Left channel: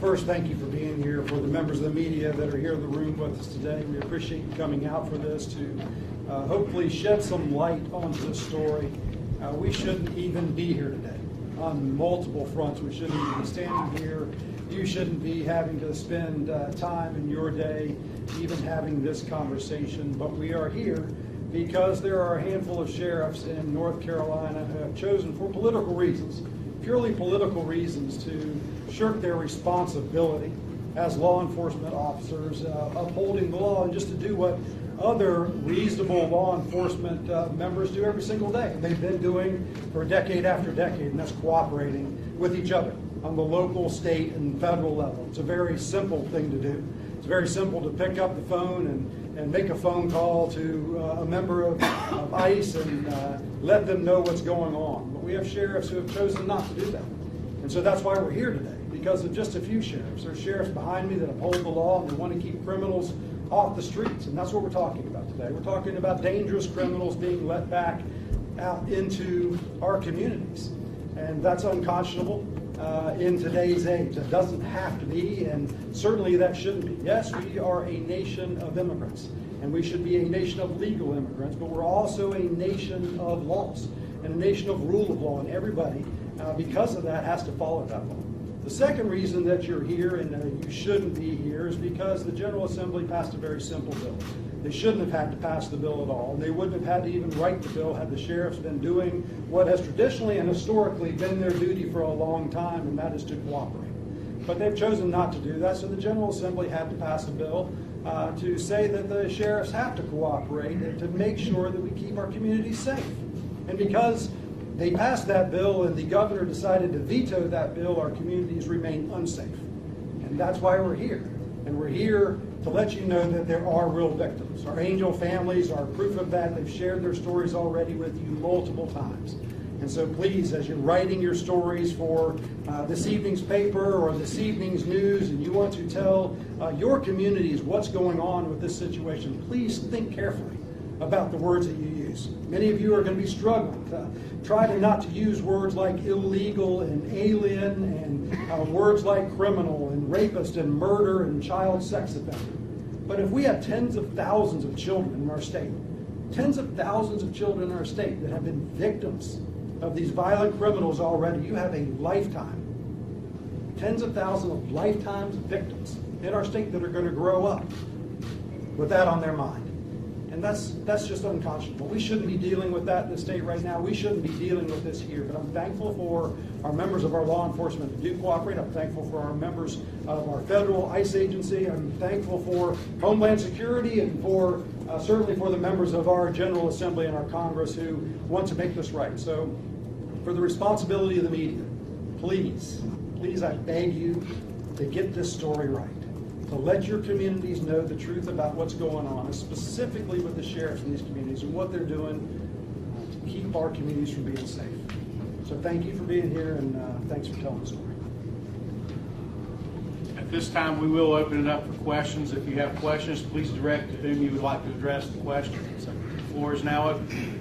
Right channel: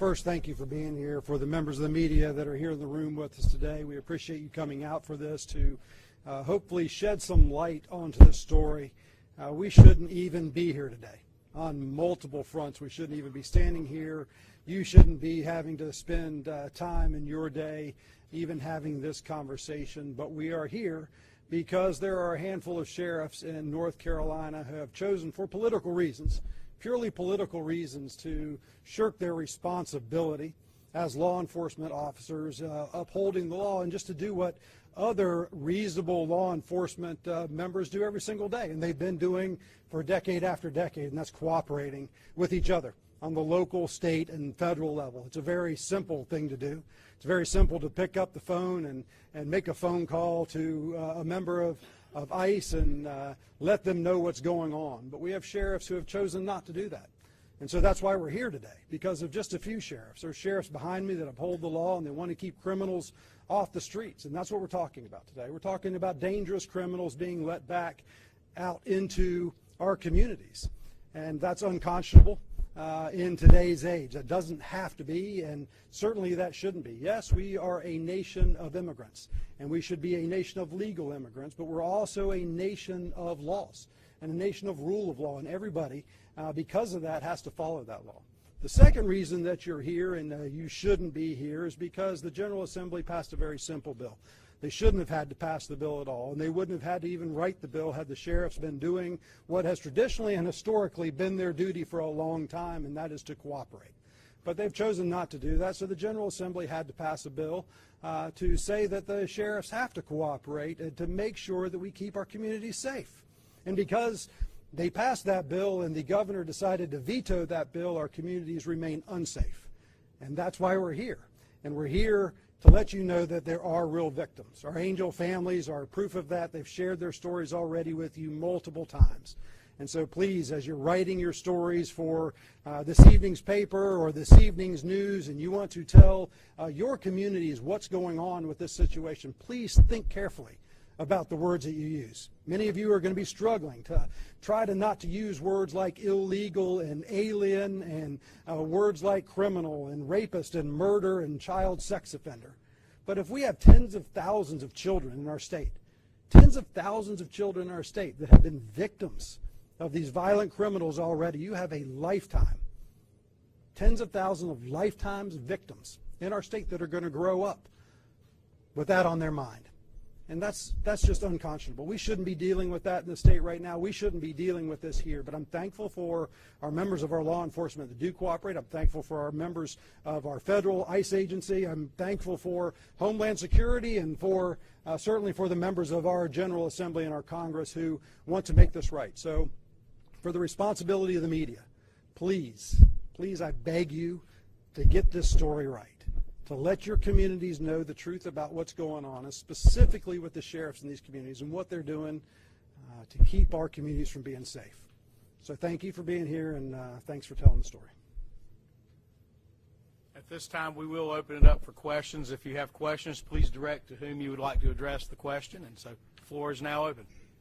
First, thank you for being here. For the members of the media that are here in the room with us today, we appreciate you coming out for this to hopefully shed some light onto this story. We shouldn't even be here today on multiple fronts. We shouldn't even be standing here. You shouldn't be having to spend time in your day even having this conversation. But we are here because there are a handful of sheriffs in North Carolina who have chosen for political reasons, purely political reasons, to shirk their responsibility as law enforcement officers, upholding the law, and just to do what other reasonable law enforcement members do every single day. And they've been doing for decade after decade, and that's cooperating with each other on the local, state, and federal level. It's a very simple thing to do. It's very simple to pick up the phone and make a phone call to a member of ICE and let them know what's going on. But we have sheriffs who have chosen not to do that. And so that's why we're here today, because of just a few sheriffs. There's sheriffs behind me that uphold the law and they want to keep criminals off the streets. And that's what we're talking about today. We're talking about dangerous criminals being let back out into our communities. And that's unconscionable in today's age. That doesn't have to be, and certainly that shouldn't be. Yes, we are a nation of immigrants, and we should be a nation of legal immigrants, but we're also a nation of laws and a nation of rule of law, and everybody, because of that, has to follow that law. The second reason that you're here and you shouldn't be here is because the General Assembly passed a very simple bill. They shouldn't have had to pass the bill at all, and they wouldn't have had to even write the bill had the sheriffs been doing what has traditionally and historically been their duty for a long time, and that is to cooperate. But they've chosen not to do that, so the General Assembly had to pass a bill to say that the sheriffs have to cooperate and to make sure that we keep our communities safe. And because they passed that bill and the governor decided to veto that bill, our communities remain unsafe. And that's why we're here. And we're here to let you know that there are real victims. Our angel families are proof of that. They've shared their stories already with you multiple times. And so please, as you're writing your stories for this evening's paper or this evening's news, and you want to tell your communities what's going on with this situation, please think carefully about the words that you use. Many of you are going to be struggling. Try to not to use words like illegal and alien and words like criminal and rapist and murder and child sex offender. But if we have tens of thousands of children in our state, tens of thousands of children in our state that have been victims of these violent criminals already, you have a lifetime. Tens of thousands of lifetimes of victims in our state that are going to grow up with that on their mind. And that's just unconscionable. We shouldn't be dealing with that in the state right now. We shouldn't be dealing with this here. But I'm thankful for our members of our law enforcement that do cooperate. I'm thankful for our members of our federal ICE agency. I'm thankful for Homeland Security and for certainly for the members of our General Assembly and our Congress who want to make this right. So for the responsibility of the media, please, I beg you to get this story right. To let your communities know the truth about what's going on, and specifically with the sheriffs in these communities and what they're doing to keep our communities from being safe. So thank you for being here, and thanks for telling the story. At this time, we will open it up for questions. If you have questions, please direct to whom you would like to address the question. So the floor is now open.